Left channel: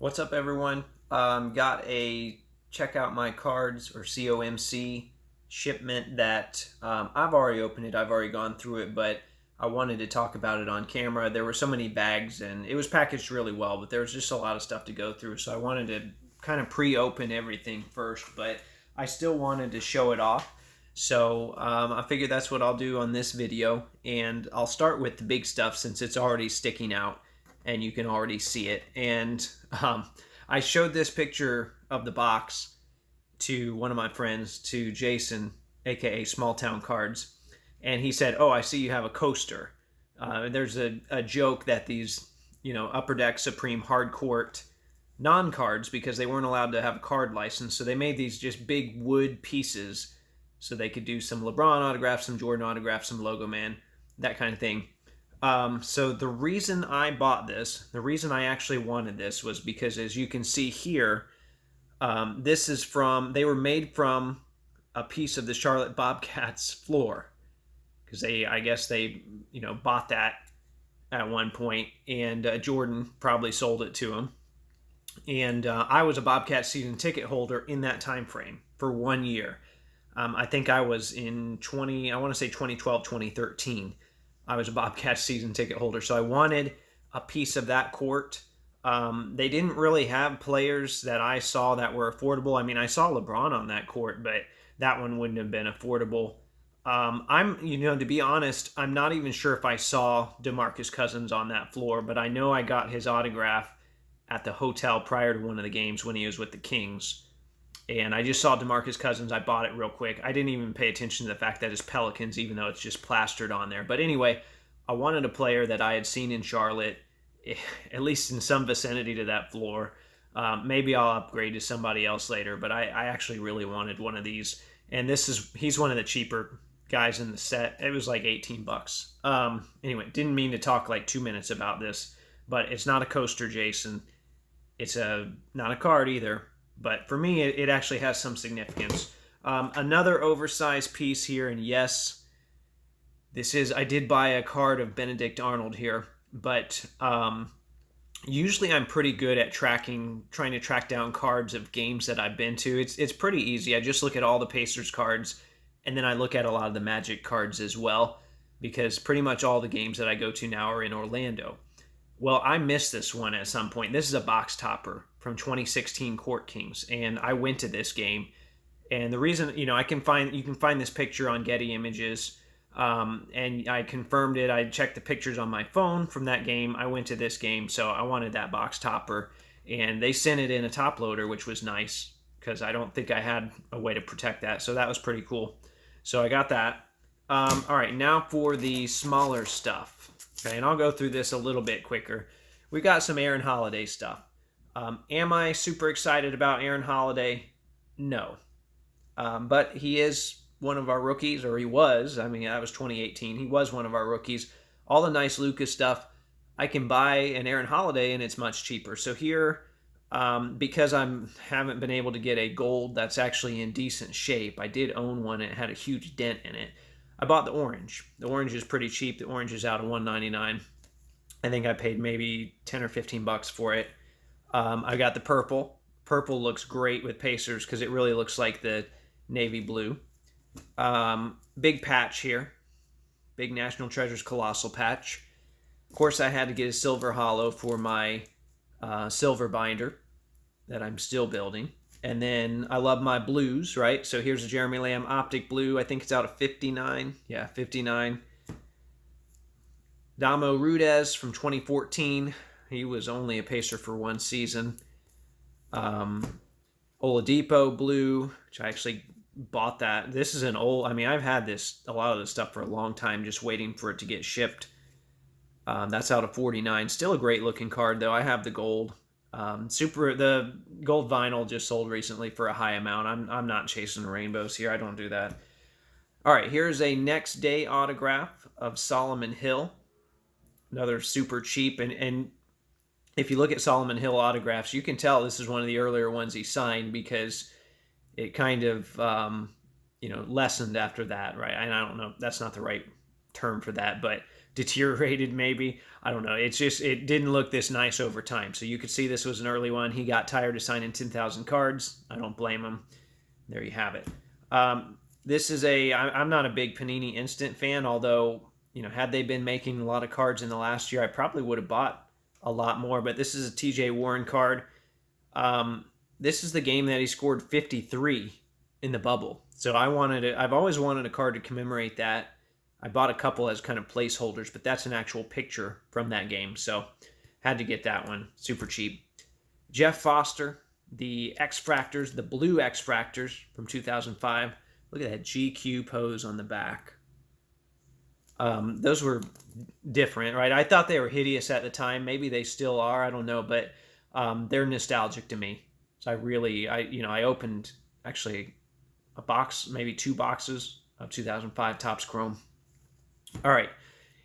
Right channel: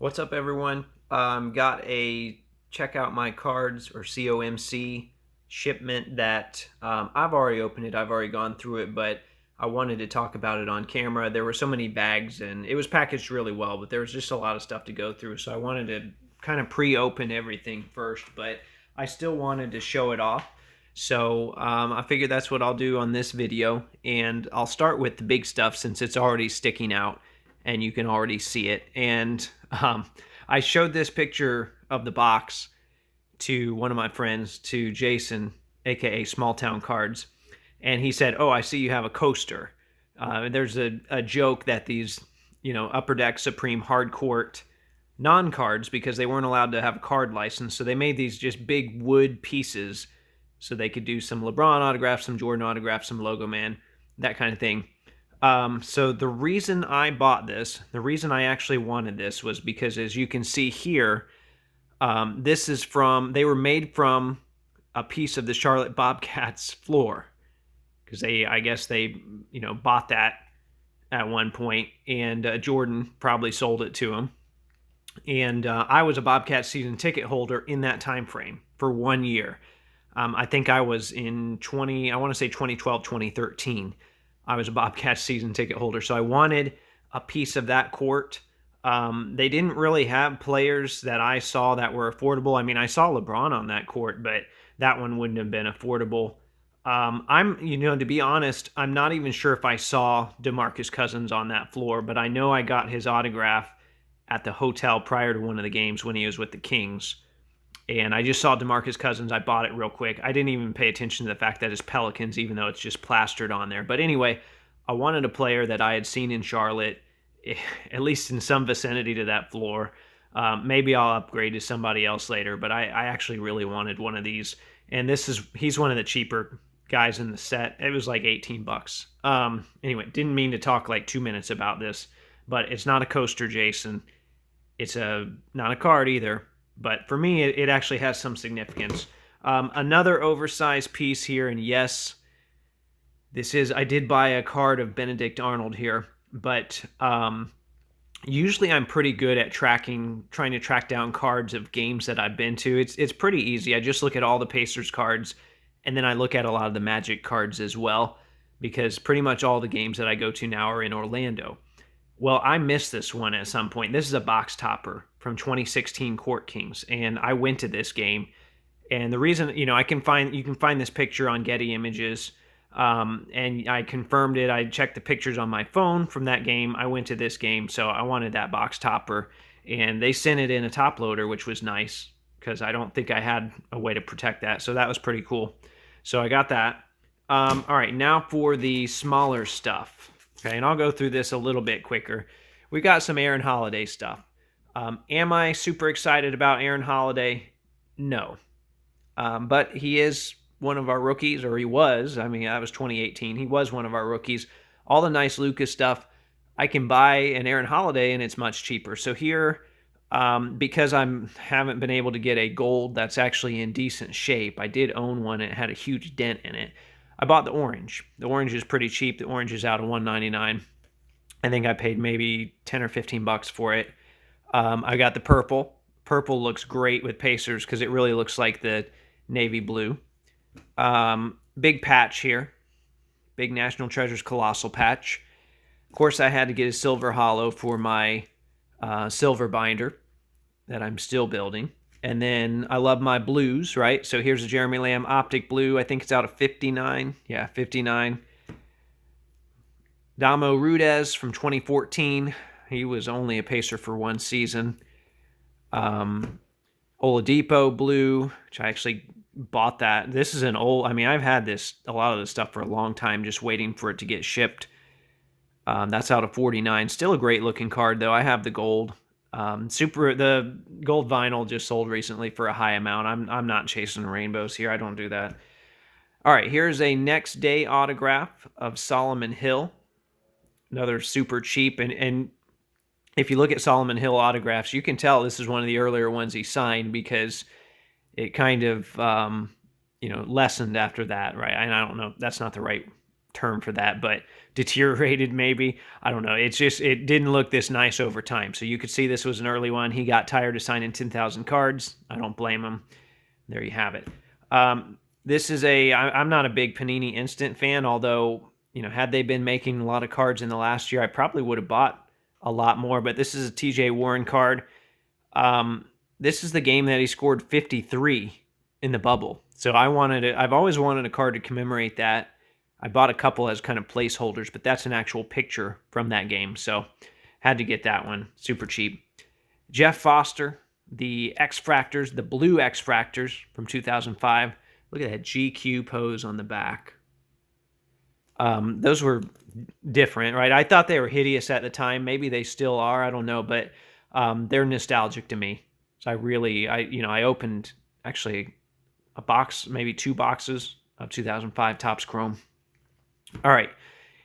What's up, everyone? Got a check out my cards or COMC shipment that I've already opened it. I've already gone through it, but I wanted to talk about it on camera. There were so many bags and it was packaged really well, but there was just a lot of stuff to go through. So I wanted to kind of pre open everything first, but I still wanted to show it off. So I figured that's what I'll do on this video. And I'll start with the big stuff since it's already sticking out and you can already see it. And I showed this picture of the box to one of my friends, to Jason, aka Small Town Cards, and he said, "Oh, I see you have a coaster." There's a joke that these, Upper Deck Supreme hard court non-cards, because they weren't allowed to have a card license, so they made these just big wood pieces so they could do some LeBron autographs, some Jordan autographs, some Logo Man, that kind of thing. So the reason I bought this, the reason I actually wanted this was because, as you can see here, they were made from a piece of the Charlotte Bobcats floor, because I guess they, bought that at one point, and Jordan probably sold it to him. And I was a Bobcat season ticket holder in that time frame for 1 year. I think I was in I want to say 2012, 2013. I was a Bobcats season ticket holder, so I wanted a piece of that court. They didn't really have players that I saw that were affordable. I mean, I saw LeBron on that court, but that one wouldn't have been affordable. To be honest, I'm not even sure if I saw DeMarcus Cousins on that floor, but I know I got his autograph at the hotel prior to one of the games when he was with the Kings. And I just saw DeMarcus Cousins. I bought it real quick. I didn't even pay attention to the fact that it's Pelicans, even though it's just plastered on there. But anyway, I wanted a player that I had seen in Charlotte, at least in some vicinity to that floor. Maybe I'll upgrade to somebody else later, but I actually really wanted one of these. And he's one of the cheaper guys in the set. It was like 18 bucks. Anyway, didn't mean to talk like 2 minutes about this, but it's not a coaster, Jason. It's not a card either, but for me, it actually has some significance. Another oversized piece here, and yes, I did buy a card of Benedict Arnold here, but usually I'm pretty good at trying to track down cards of games that I've been to. It's pretty easy. I just look at all the Pacers cards, and then I look at a lot of the Magic cards as well, because pretty much all the games that I go to now are in Orlando. Well, I missed this one at some point. This is a box topper from 2016 Court Kings, and I went to this game. And the reason, you can find this picture on Getty Images, and I confirmed it. I checked the pictures on my phone from that game. I went to this game, so I wanted that box topper, and they sent it in a top loader, which was nice because I don't think I had a way to protect that. So that was pretty cool. So I got that. All right, now for the smaller stuff. Okay, and I'll go through this a little bit quicker. We got some Aaron Holiday stuff. Am I super excited about Aaron Holiday? No. But he is one of our rookies, or he was. I mean, that was 2018. He was one of our rookies. All the nice Lucas stuff, I can buy an Aaron Holiday, and it's much cheaper. So here, because I haven't been able to get a gold that's actually in decent shape, I did own one. It had a huge dent in it. I bought the orange. The orange is pretty cheap. The orange is out of $199. I think I paid maybe 10 or 15 bucks for it. I got the purple. Purple looks great with Pacers because it really looks like the navy blue. Big patch here. Big National Treasures Colossal patch. Of course, I had to get a silver hollow for my silver binder that I'm still building. And then I love my blues, right? So here's a Jeremy Lamb Optic Blue. I think it's out of 59. Yeah, 59. Damo Rudez from 2014. He was only a Pacer for one season. Oladipo Blue, which I actually bought that. This is an old, I've had a lot of this stuff for a long time, just waiting for it to get shipped. That's out of 49. Still a great looking card, though. I have the gold. The gold vinyl just sold recently for a high amount. I'm not chasing rainbows here. I don't do that. All right, here's a next day autograph of Solomon Hill. Another super cheap. And if you look at Solomon Hill autographs, you can tell this is one of the earlier ones he signed because it kind of lessened after that, right? And I don't know. That's not the right term for that, but deteriorated maybe. I don't know. It's just, it didn't look this nice over time. So you could see this was an early one. He got tired of signing 10,000 cards. I don't blame him. There you have it. This is I'm not a big Panini Instant fan, although, had they been making a lot of cards in the last year, I probably would have bought a lot more. But this is a TJ Warren card. This is the game that he scored 53 in the bubble. So I've always wanted a card to commemorate that. I bought a couple as kind of placeholders, but that's an actual picture from that game. So had to get that one. Super cheap. Jeff Foster, the X-Fractors, the blue X-Fractors from 2005. Look at that GQ pose on the back. Those were different, right? I thought they were hideous at the time. Maybe they still are. I don't know, but they're nostalgic to me. So I opened actually a box, maybe 2 boxes of 2005 Topps Chrome. All right,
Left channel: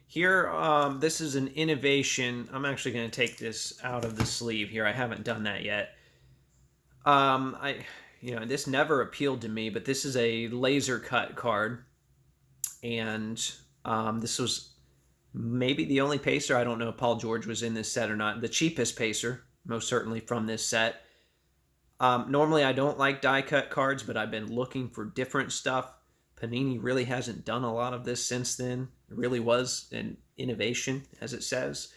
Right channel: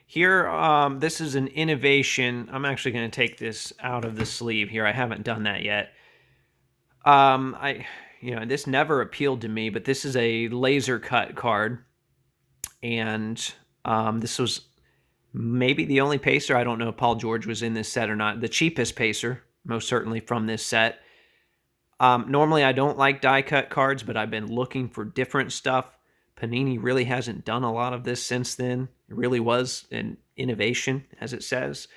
here, this is an innovation. I'm actually going to take this out of the sleeve here. I haven't done that yet. This never appealed to me, but this is a laser cut card, and this was maybe the only pacer. I don't know if Paul George was in this set or not. The cheapest pacer, most certainly from this set. Normally, I don't like die cut cards, but I've been looking for different stuff. Panini really hasn't done a lot of this since then. It really was an innovation, as it says.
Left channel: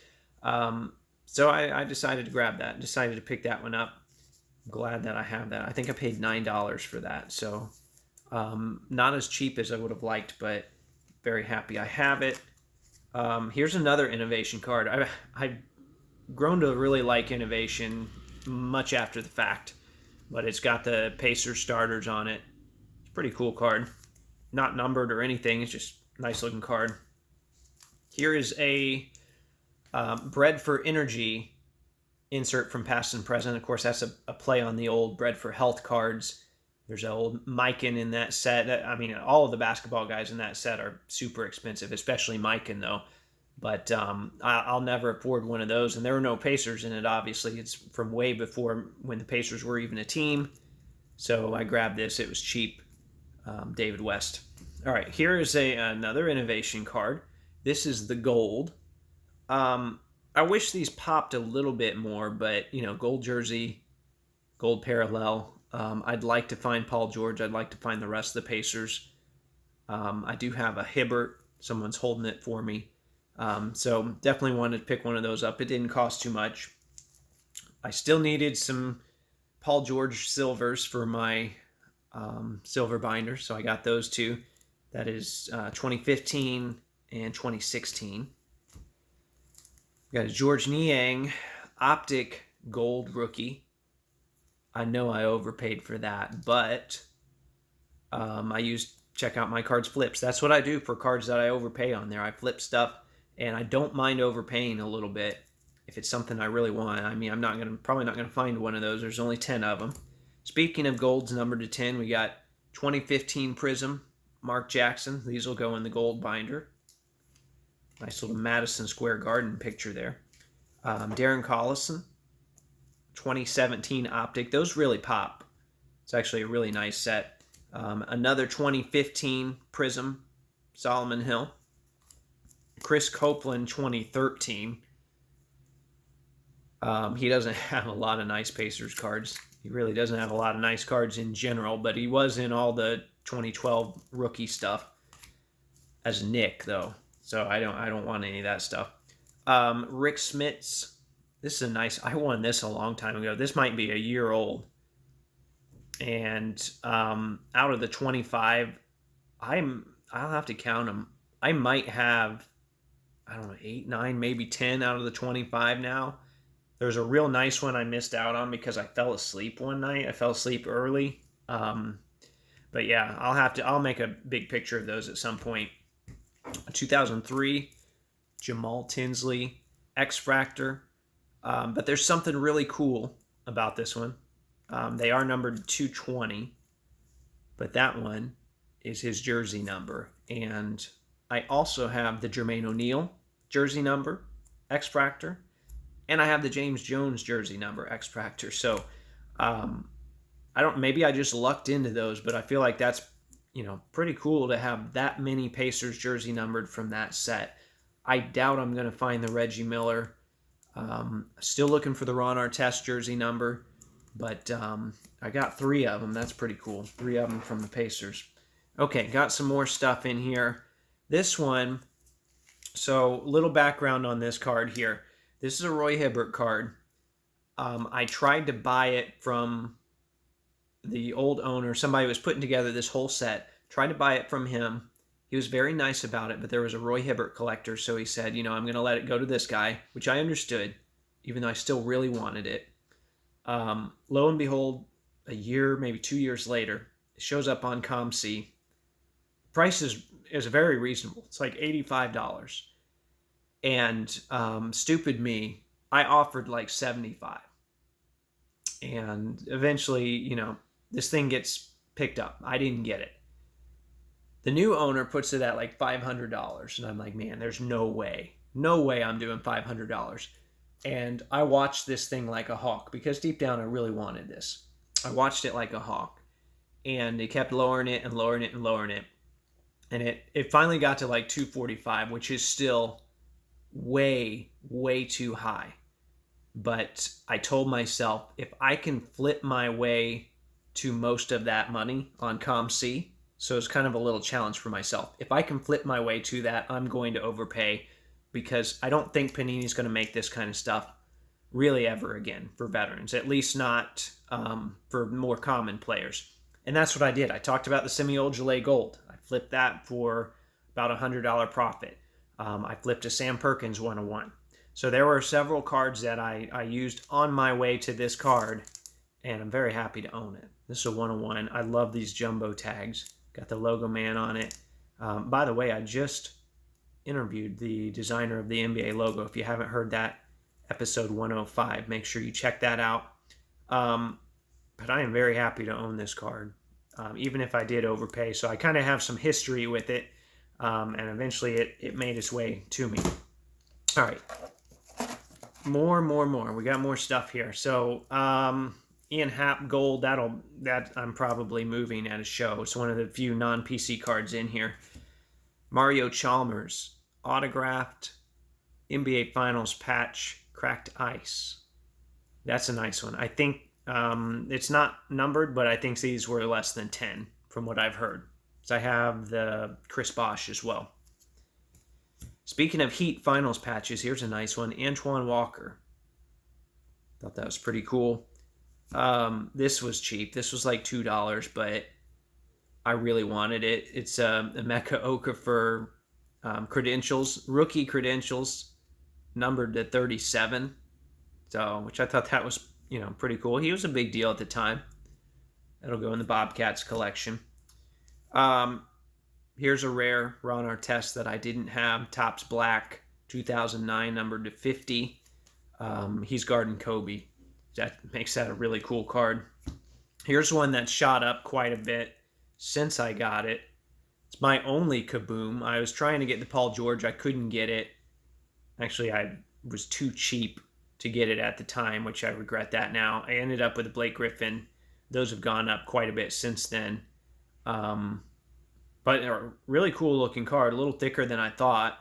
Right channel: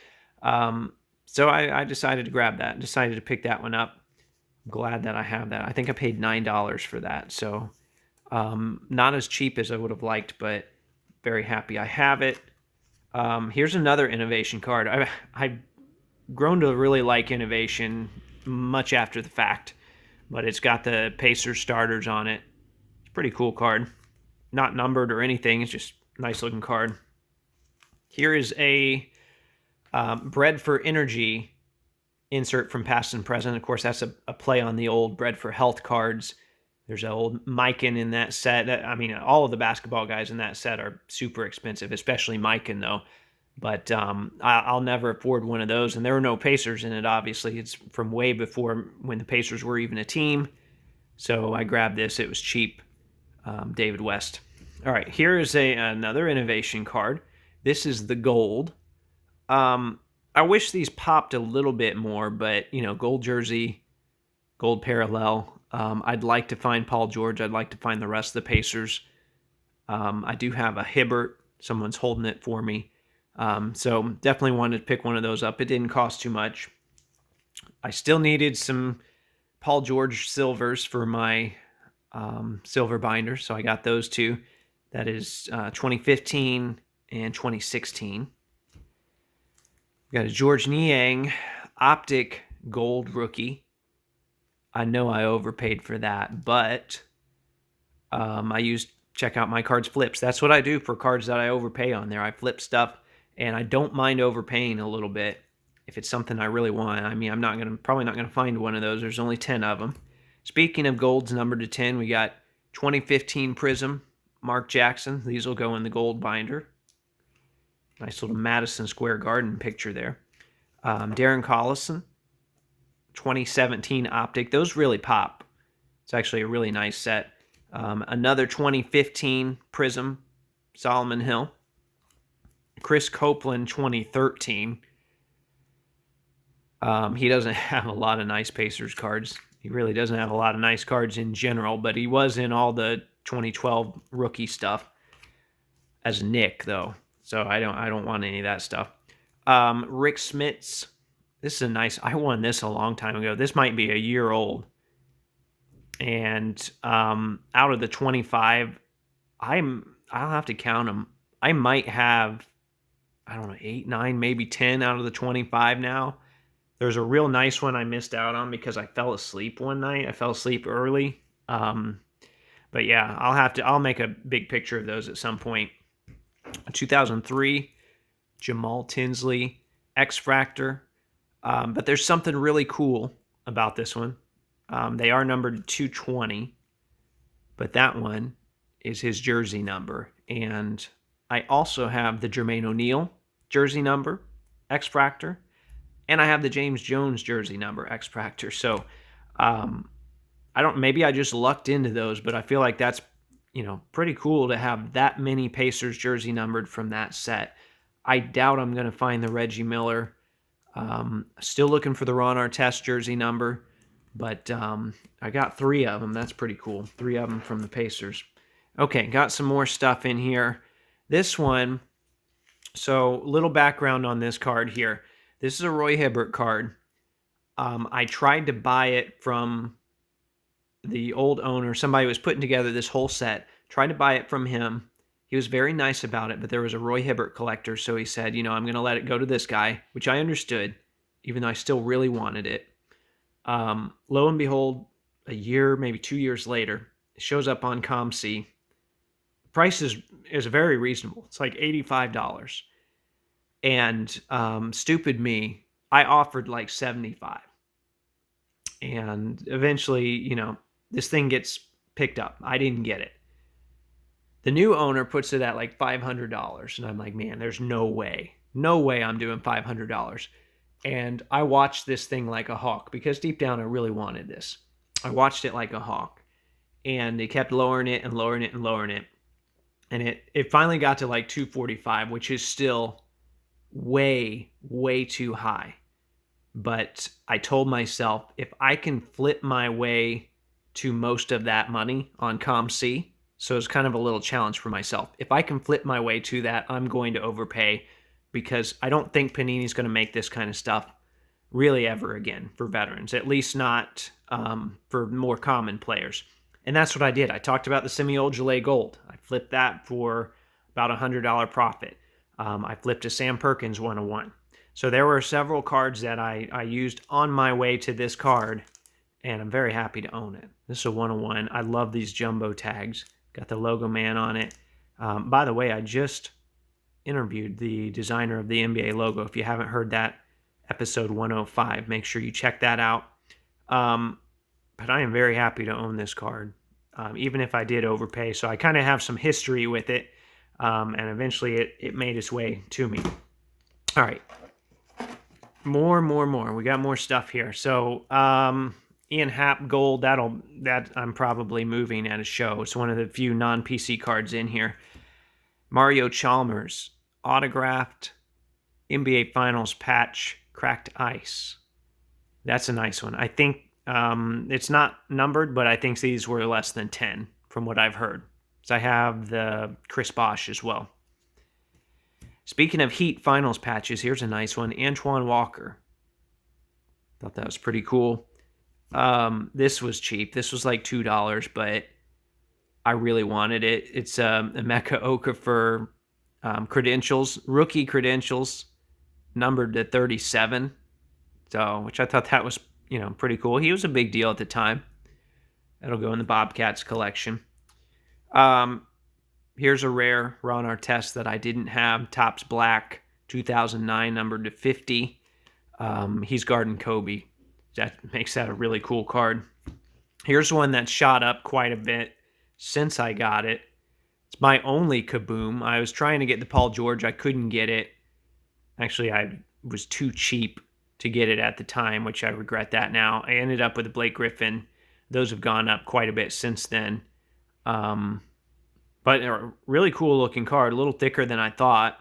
So I decided to grab that, decided to pick that one up. I'm glad that I have that. I think I paid $9 for that. So not as cheap as I would have liked, but very happy I have it. Here's another innovation card. I've grown to really like innovation much after the fact, but it's got the Pacers starters on it. It's a pretty cool card. Not numbered or anything. It's just a nice looking card. Here is a Bread for Energy insert from Past and Present. Of course, that's a play on the old Bread for Health cards. There's an old Mikan in that set. I mean, all of the basketball guys in that set are super expensive, especially Mikan, though. But I'll never afford one of those. And there were no Pacers in it, obviously. It's from way before when the Pacers were even a team. So I grabbed this. It was cheap. David West. All right, here is another innovation card. This is the gold. I wish these popped a little bit more, but, gold jersey, gold parallel. I'd like to find Paul George. I'd like to find the rest of the Pacers. I do have a Hibbert. Someone's holding it for me. So definitely wanted to pick one of those up. It didn't cost too much. I still needed some Paul George silvers for my silver binder, so I got those 2. That is 2015 and 2016. Got a George Niang Optic Gold rookie. I know I overpaid for that, but I used Check Out My Cards flips. That's what I do for cards that I overpay on there. I flip stuff, and I don't mind overpaying a little bit if it's something I really want. I mean, I'm probably not gonna find one of those. There's only 10 of them. Speaking of golds numbered to 10, we got 2015 Prism, Mark Jackson. These will go in the gold binder. Nice little Madison Square Garden picture there. Darren Collison, 2017 Optic. Those really pop. It's actually a really nice set. Another 2015 Prism, Solomon Hill. Chris Copeland, 2013. He doesn't have a lot of nice Pacers cards. He really doesn't have a lot of nice cards in general, but he was in all the 2012 rookie stuff as Nick, though. So I don't want any of that stuff. Rick Schmitz. This is a nice. I won this a long time ago. This might be a year old. And out of the 25, I'll have to count them. I might have, I don't know, 8, 9, maybe 10 out of the 25 now. There's a real nice one I missed out on because I fell asleep one night. I fell asleep early. But yeah, I'll make a big picture of those at some point. 2003, Jamal Tinsley, X-Fractor. But there's something really cool about this one. They are numbered 220, but that one is his jersey number. And I also have the Jermaine O'Neal jersey number, X-Fractor. And I have the James Jones jersey number, X-Fractor. So maybe I just lucked into those, but I feel like that's, pretty cool to have that many Pacers jersey numbered from that set. I doubt I'm going to find the Reggie Miller. Still looking for the Ron Artest jersey number, but I got 3 of them. That's pretty cool. 3 of them from the Pacers. Okay, got some more stuff in here. This one, so little background on this card here. This is a Roy Hibbert card. I tried to buy it from the old owner. Somebody was putting together this whole set. Tried to buy it from him. He was very nice about it, but there was a Roy Hibbert collector, so he said, I'm going to let it go to this guy, which I understood, even though I still really wanted it. Lo and behold, a year, maybe 2 years later, it shows up on ComC. The price is very reasonable. It's like $85. And stupid me, I offered like $75. And eventually, this thing gets picked up. I didn't get it. The new owner puts it at like $500. And I'm like, man, there's no way. No way I'm doing $500. And I watched this thing like a hawk because deep down I really wanted this. I watched it like a hawk. And they kept lowering it and lowering it and lowering it. And it finally got to like $245, which is still way, way too high. But I told myself, if I can flip my way to most of that money on ComC, so it's kind of a little challenge for myself. If I can flip my way to that, I'm going to overpay because I don't think Panini's going to make this kind of stuff really ever again for veterans, at least not for more common players. And that's what I did. I talked about the Semi-Old Gelé Gold. I flipped that for about $100 profit. I flipped a Sam Perkins 101. So there were several cards that I used on my way to this card, and I'm very happy to own it. This is a 101. I love these jumbo tags. Got the logo man on it. By the way, I just interviewed the designer of the NBA logo. If you haven't heard that, episode 105, make sure you check that out. But I am very happy to own this card, even if I did overpay. So I kind of have some history with it, and eventually it made its way to me. All right. More. We got more stuff here. So Ian Happ Gold, that I'm probably moving at a show. It's one of the few non-PC cards in here. Mario Chalmers, autographed NBA Finals patch, cracked ice. That's a nice one. I think it's not numbered, but I think these were less than 10 from what I've heard. So I have the Chris Bosh as well. Speaking of Heat Finals patches, here's a nice one. Antoine Walker. Thought that was pretty cool. This was cheap. This was like $2, but I really wanted it. It's a Emeka Okafor credentials, rookie credentials, numbered to 37. So, which I thought that was, pretty cool. He was a big deal at the time. That'll go in the Bobcats collection. Here's a rare Ron Artest that I didn't have. Topps Black, 2009, numbered to 50. He's guarding Kobe. That makes that a really cool card. Here's one that shot up quite a bit since I got it. It's my only Kaboom. I was trying to get the Paul George. I couldn't get it. Actually, I was too cheap to get it at the time, which I regret that now. I ended up with a Blake Griffin. Those have gone up quite a bit since then. But a really cool looking card, a little thicker than I thought.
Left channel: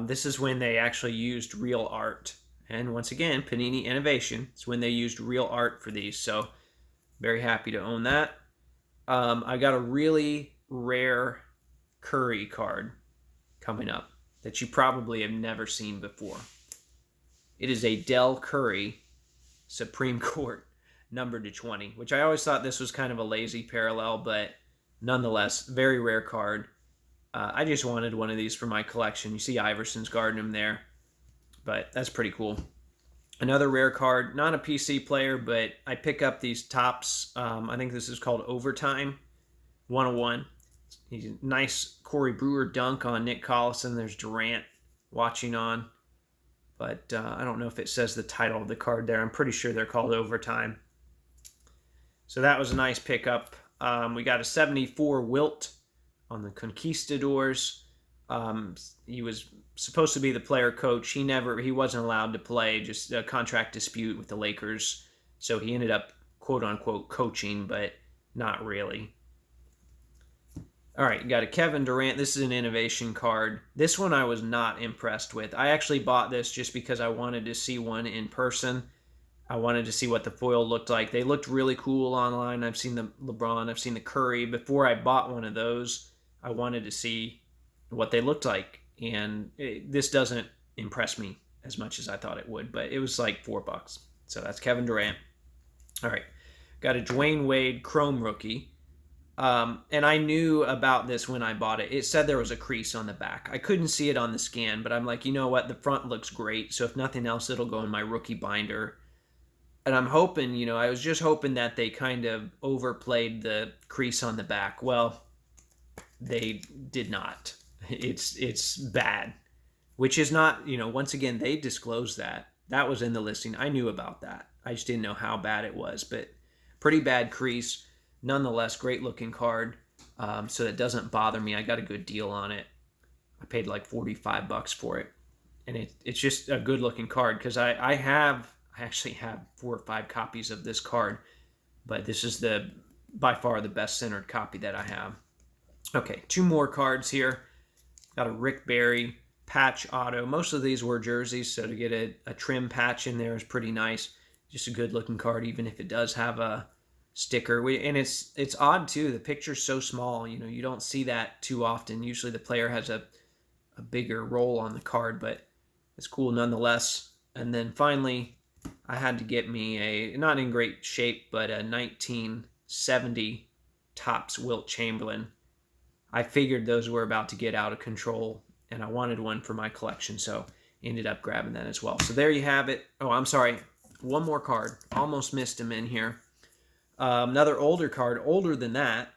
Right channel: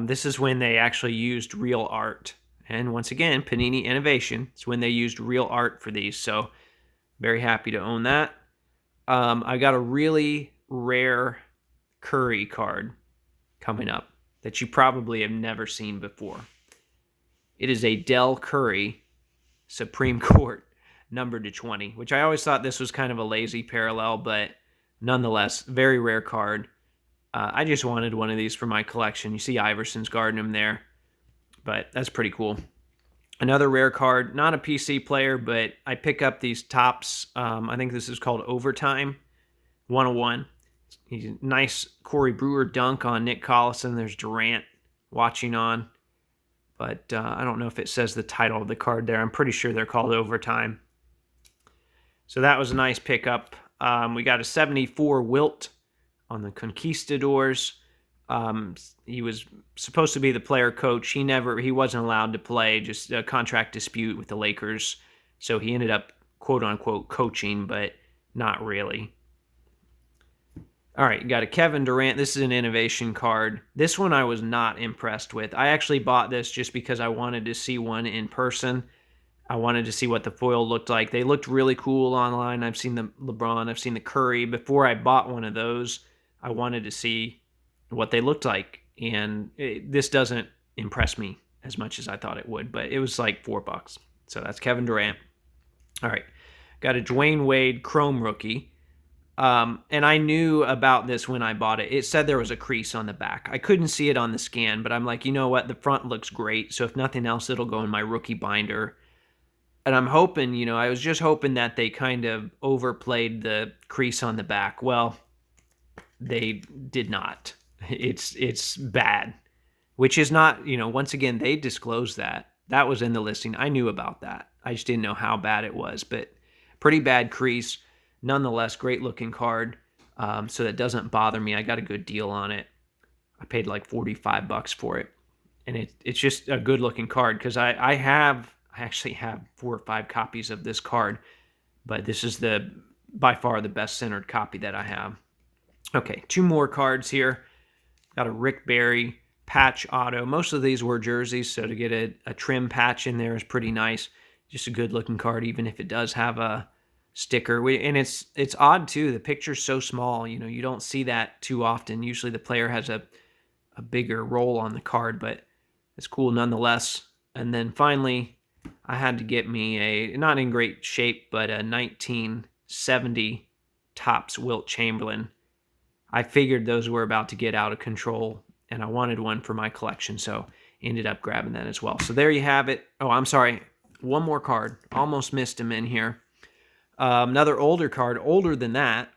This is when they actually used real art. And once again, Panini Innovation. It's when they used real art for these. So very happy to own that. I got a really rare Curry card coming up that you probably have never seen before. It is a Dell Curry Supreme Court numbered to 20, which I always thought this was kind of a lazy parallel, but nonetheless, very rare card. I just wanted one of these for my collection. You see Iverson's guarding him there, but that's pretty cool. Another rare card, not a PC player, but I pick up these Topps. I think this is called Overtime 101. He's a nice Corey Brewer dunk on Nick Collison. There's Durant watching on, but I don't know if it says the title of the card there. I'm pretty sure they're called Overtime. So that was a nice pickup. We got a 74 Wilt on the Conquistadors. He was supposed to be the player coach. He wasn't allowed to play, just a contract dispute with the Lakers. So he ended up, quote unquote, coaching, but not really. All right, you got a Kevin Durant. This is an innovation card. This one I was not impressed with. I actually bought this just because I wanted to see one in person. I wanted to see what the foil looked like. They looked really cool online. I've seen the LeBron, I've seen the Curry. Before I bought one of those, I wanted to see what they looked like. And this doesn't impress me as much as I thought it would, but it was like $4. So that's Kevin Durant. All right. Got a Dwayne Wade Chrome rookie. And I knew about this when I bought it. It said there was a crease on the back. I couldn't see it on the scan, but I'm like, you know what? The front looks great. So if nothing else, it'll go in my rookie binder. And I'm hoping, I was just hoping that they kind of overplayed the crease on the back. Well, they did not. It's bad, which is not, once again, they disclosed that. That was in the listing. I knew about that. I just didn't know how bad it was, but pretty bad crease. Nonetheless, great looking card. So that doesn't bother me. I got a good deal on it. I paid like $45 for it. And it's just a good looking card because I actually have 4 or 5 copies of this card, but this is by far the best centered copy that I have. Okay, 2 more cards here. Got a Rick Barry patch auto. Most of these were jerseys, so to get a trim patch in there is pretty nice. Just a good looking card, even if it does have a sticker. And it's odd too. The picture's so small. You don't see that too often. Usually the player has a bigger roll on the card, but it's cool nonetheless. And then finally, I had to get me not in great shape, but a 1970 Topps Wilt Chamberlain. I figured those were about to get out of control, and I wanted one for my collection, so ended up grabbing that as well. So there you have it. Oh, I'm sorry. One more card. Almost missed him in here. Another older card, older than that.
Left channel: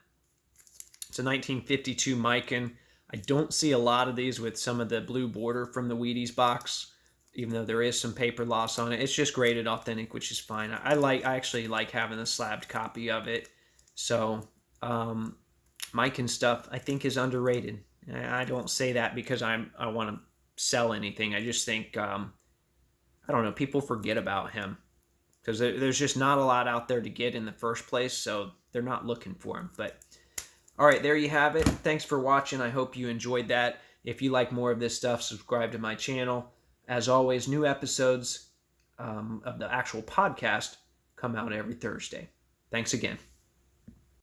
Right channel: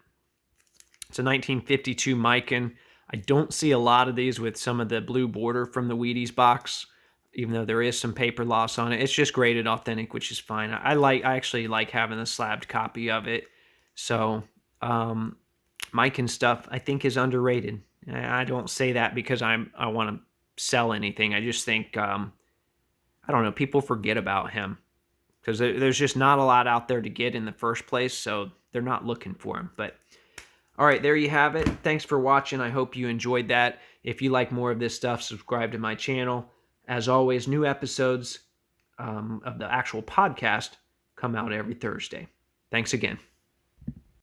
It's a 1952 Mikan. I don't see a lot of these with some of the blue border from the Wheaties box, even though there is some paper loss on it. It's just graded authentic, which is fine. I actually like having a slabbed copy of it. So Mikan stuff I think is underrated. I don't say that because I want to sell anything. I just think I don't know, people forget about him because there's just not a lot out there to get in the first place, so they're not looking for him. But all right, there you have it. Thanks for watching. I hope you enjoyed that. If you like more of this stuff, subscribe to my channel. As always, new episodes of the actual podcast come out every Thursday. Thanks again.